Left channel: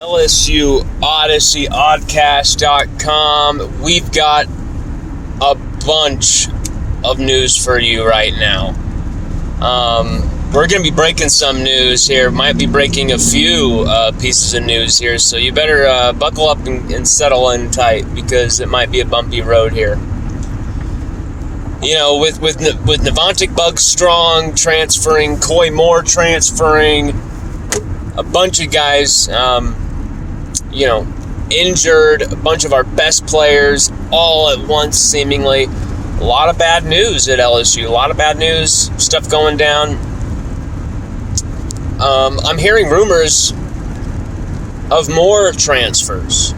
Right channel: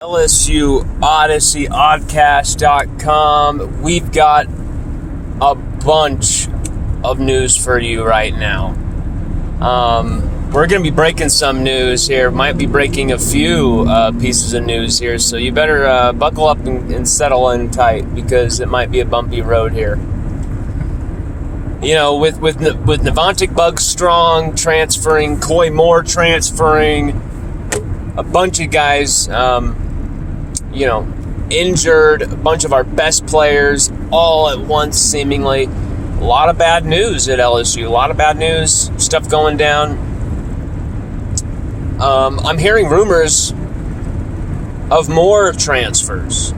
LSUODYSSEY.com. We've got a bunch of news for you right now. We're going to be breaking some news here. Might be breaking a few pieces of news here, so you better buckle up and settle in tight because it might be a bumpy road here. You know, with Navantic Bugstrong transferring, Coy Moore transferring, a bunch of guys, injured, a bunch of our best players all at once, seemingly. A lot of bad news at LSU. A lot of bad news, stuff going down. I'm hearing rumors of more transfers.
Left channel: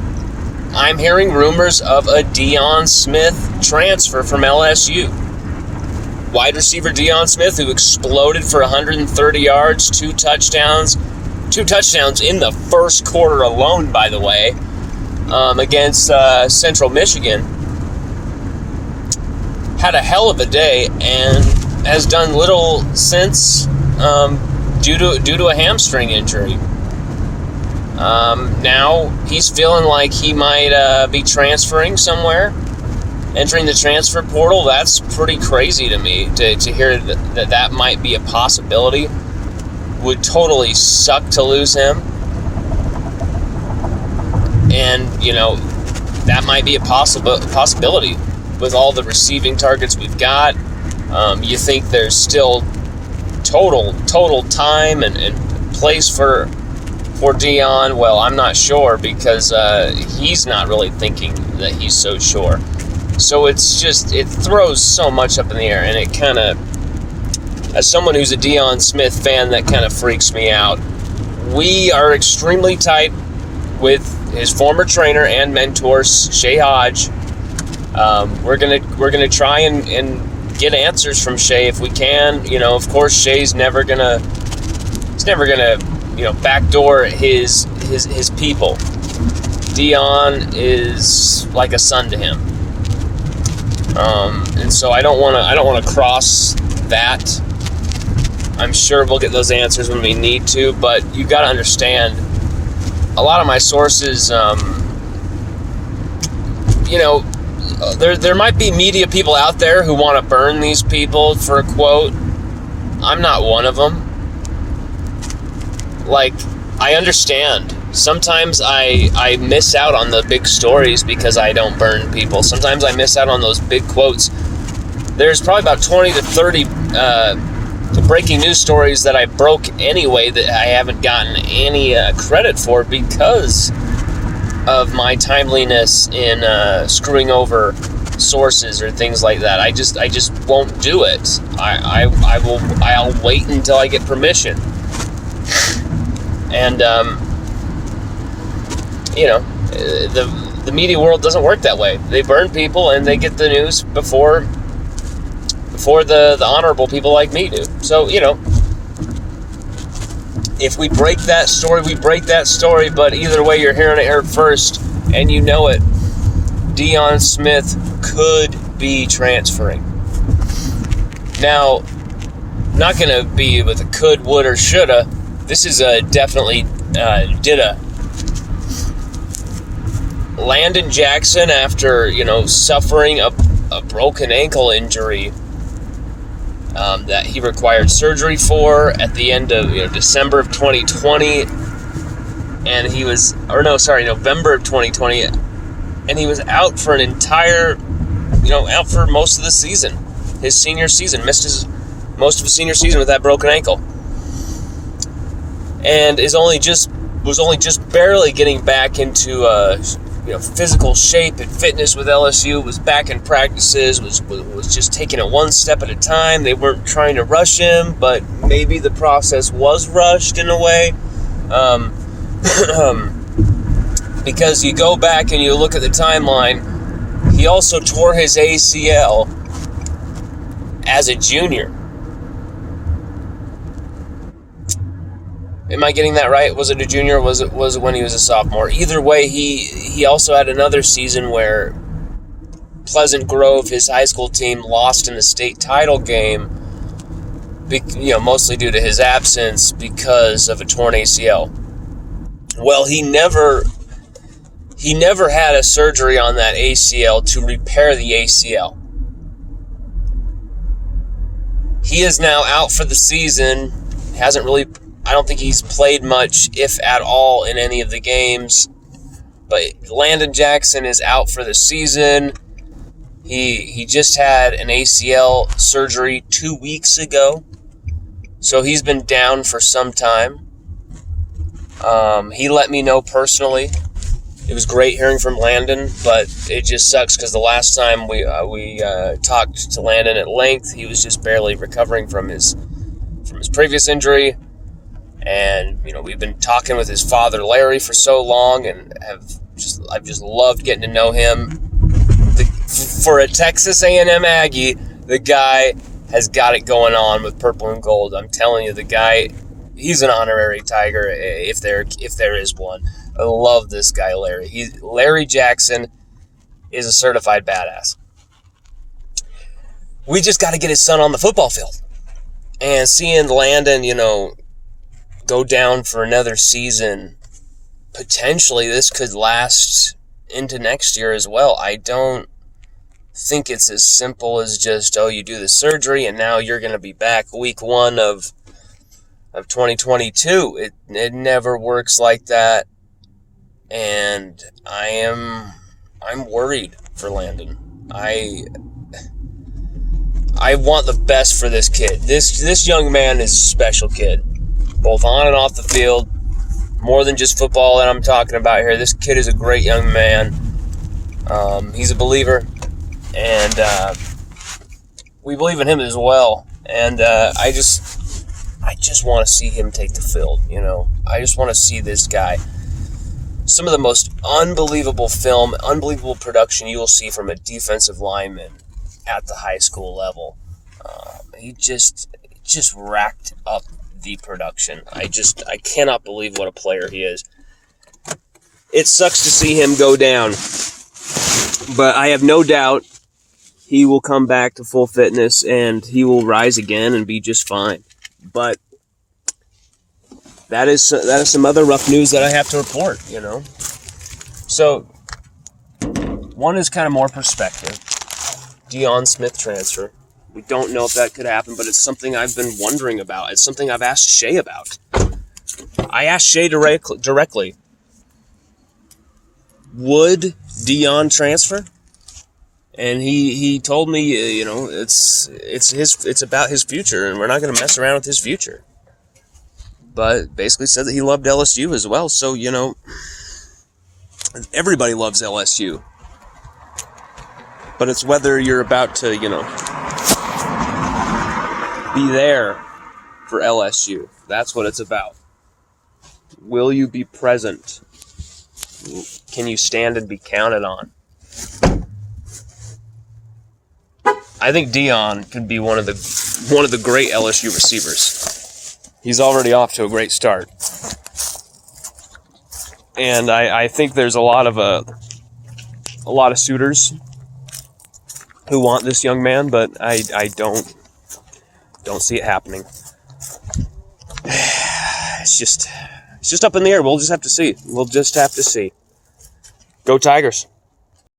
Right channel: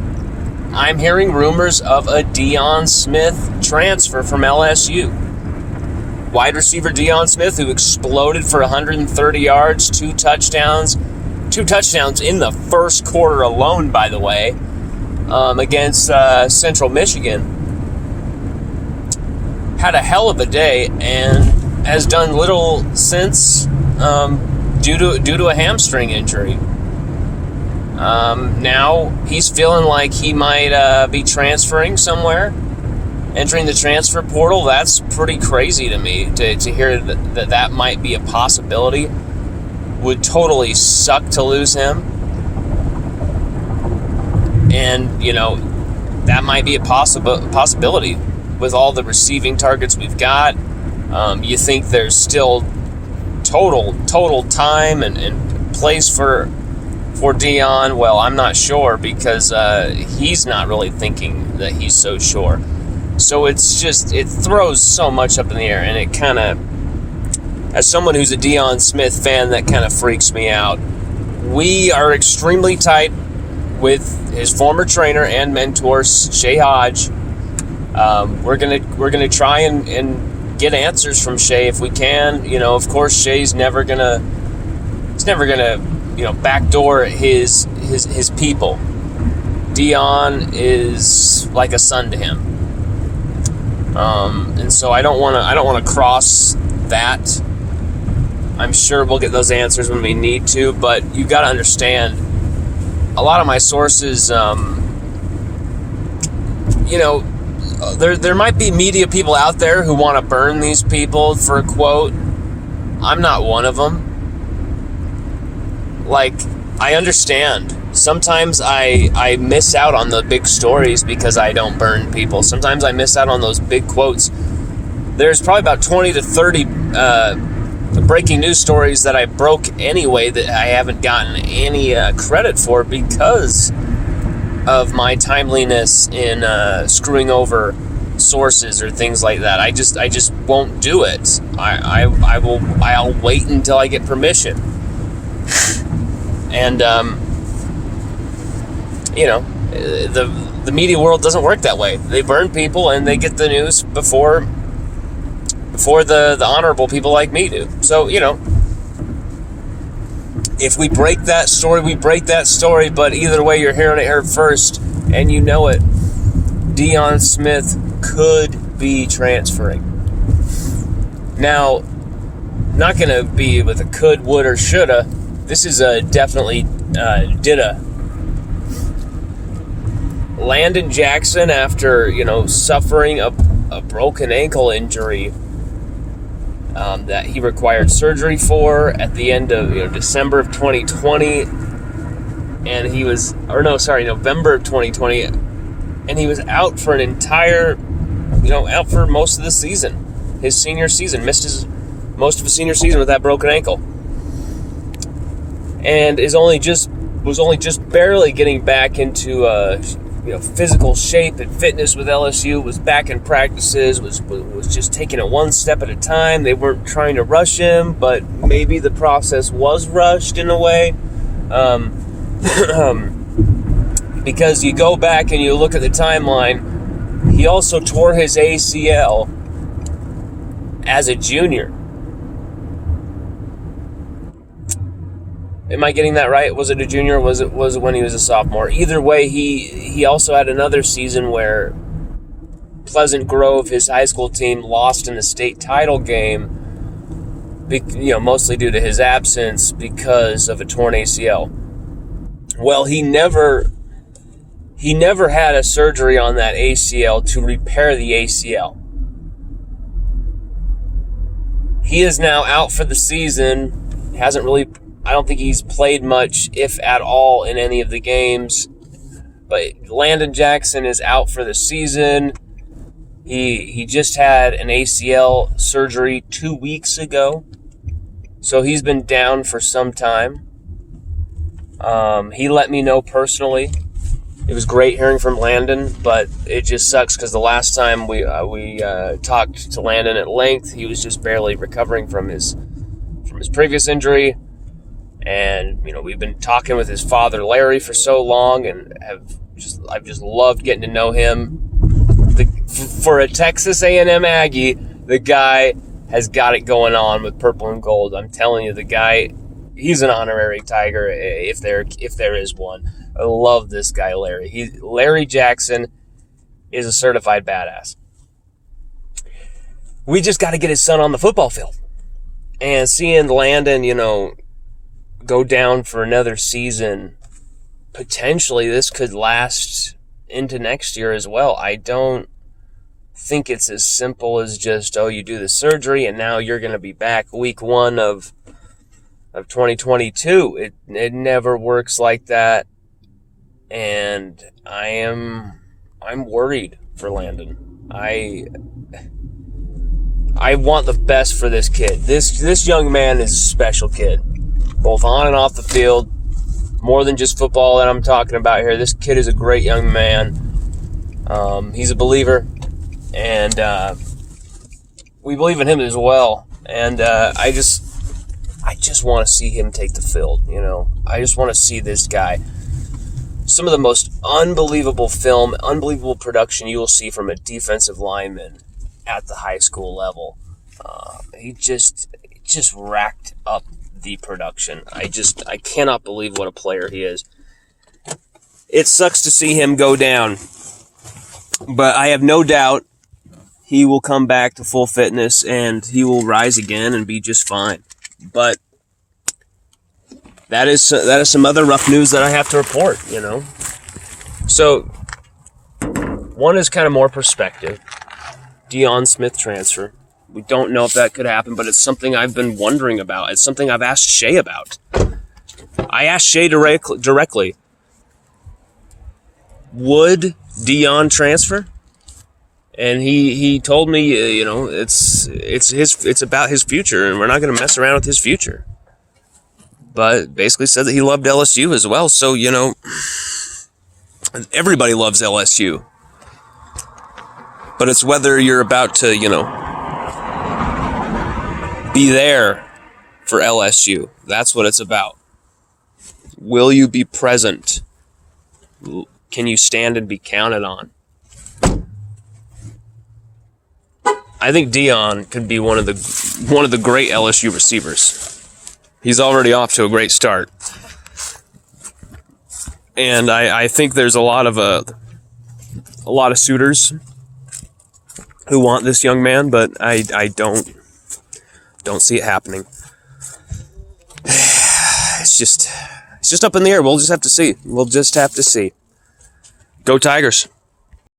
I'm hearing rumors of a Deion Smith transfer from LSU. Wide receiver Deion Smith, who exploded for 130 yards, two touchdowns in the first quarter alone, by the way, against Central Michigan. Had a hell of a day and has done little since due to a hamstring injury. Now he's feeling like he might be transferring somewhere, entering the transfer portal. That's pretty crazy to me to hear that might be a possibility. Would totally suck to lose him. And, that might be a possibility with all the receiving targets we've got. You think there's still total time and place for Deion? Well, I'm not sure because he's not really thinking that he's so sure. So it throws so much up in the air, and it kind of, as someone who's a Deion Smith fan, that kind of freaks me out. We are extremely tight with his former trainer and mentor, Shay Hodge. We're gonna try and get answers from Shay if we can. Of course, Shay's never gonna backdoor his people. Deion is like a son to him, and so I don't want to cross that. I'm sure we'll get those answers when we need to, but you got to understand, a lot of my sources, there might be media people out there who want to burn these people for a quote. I'm not one of them. Like, I understand. Sometimes I miss out on the big stories because I don't burn people. Sometimes I miss out on those big quotes. There's probably about 20 to 30 breaking news stories that I broke anyway that I haven't gotten any credit for because of my timeliness in screwing over sources or things like that. I just won't do it. I'll wait until I get permission. And the media world doesn't work that way. They burn people and they get the news before the honorable people like me do. So, if we break that story, we break that story, but either way, you're hearing it here first, and you know it. Deion Smith could be transferring. Now, not going to be with a could, would, or shoulda. This is a definitely didda. Landon Jackson, after, suffering a broken ankle injury, that he required surgery for at the end of December of 2020, and November of 2020, and he was out for an entire, out for most of the season, his senior season, missed most of his senior season with that broken ankle, and was only just barely getting back into physical shape and fitness with LSU, was back in practices, was just taking it one step at a time. They weren't trying to rush him, but maybe the process was rushed in a way. Because you go back and you look at the timeline, he also tore his ACL as a junior. Am I getting that right? Was it a junior or was it when he was a sophomore? Either way, he also had another season where Pleasant Grove, his high school team, lost in the state title game, mostly due to his absence because of a torn ACL. Well, he never had a surgery on that ACL to repair the ACL. He is now out for the season. I don't think he's played much, if at all, in any of the games. But Landon Jackson is out for the season. He just had an ACL surgery 2 weeks ago. So he's been down for some time. He let me know personally. It was great hearing from Landon, but it just sucks because the last time we talked to Landon at length, he was just barely recovering from his previous injury. And, we've been talking with his father, Larry, for so long, and I've just loved getting to know him. For a Texas A&M Aggie, the guy has got it going on with purple and gold. I'm telling you, the guy, he's an honorary Tiger if there is one. I love this guy, Larry. Larry Jackson is a certified badass. We just got to get his son on the football field. And seeing Landon, go down for another season, potentially this could last into next year as well. I don't think it's as simple as just, you do the surgery and now you're going to be back week 1 of 2022. It never works like that. And I'm worried for Landon. I want the best for this kid. This young man is a special kid, both on and off the field. More than just football that I'm talking about here. This kid is a great young man. He's a believer, and we believe in him as well. And I just want to see him take the field. I just want to see this guy. Some of the most unbelievable film, unbelievable production you will see from a defensive lineman at the high school level. He just racked up the production. I cannot believe what a player he is. It sucks to see him go down, but I have no doubt he will come back to full fitness and he will rise again and be just fine. But that is some other rough news that I have to report, So, one is kind of more perspective. Deion Smith transfer. We don't know if that could happen, but it's something I've been wondering about. It's something I've asked Shay about. I asked Shay directly, would Deion transfer? And he told me, it's about his future, and we're not going to mess around with his future. But basically said that he loved LSU as well. So, everybody loves LSU. But it's whether you're about to, be there for LSU. That's what it's about. Will you be present? Can you stand and be counted on? I think Deion could be one of the great LSU receivers. He's already off to a great start. And I think there's a lot of suitors who want this young man, but I don't see it happening. It's just up in the air. We'll just have to see. Go Tigers.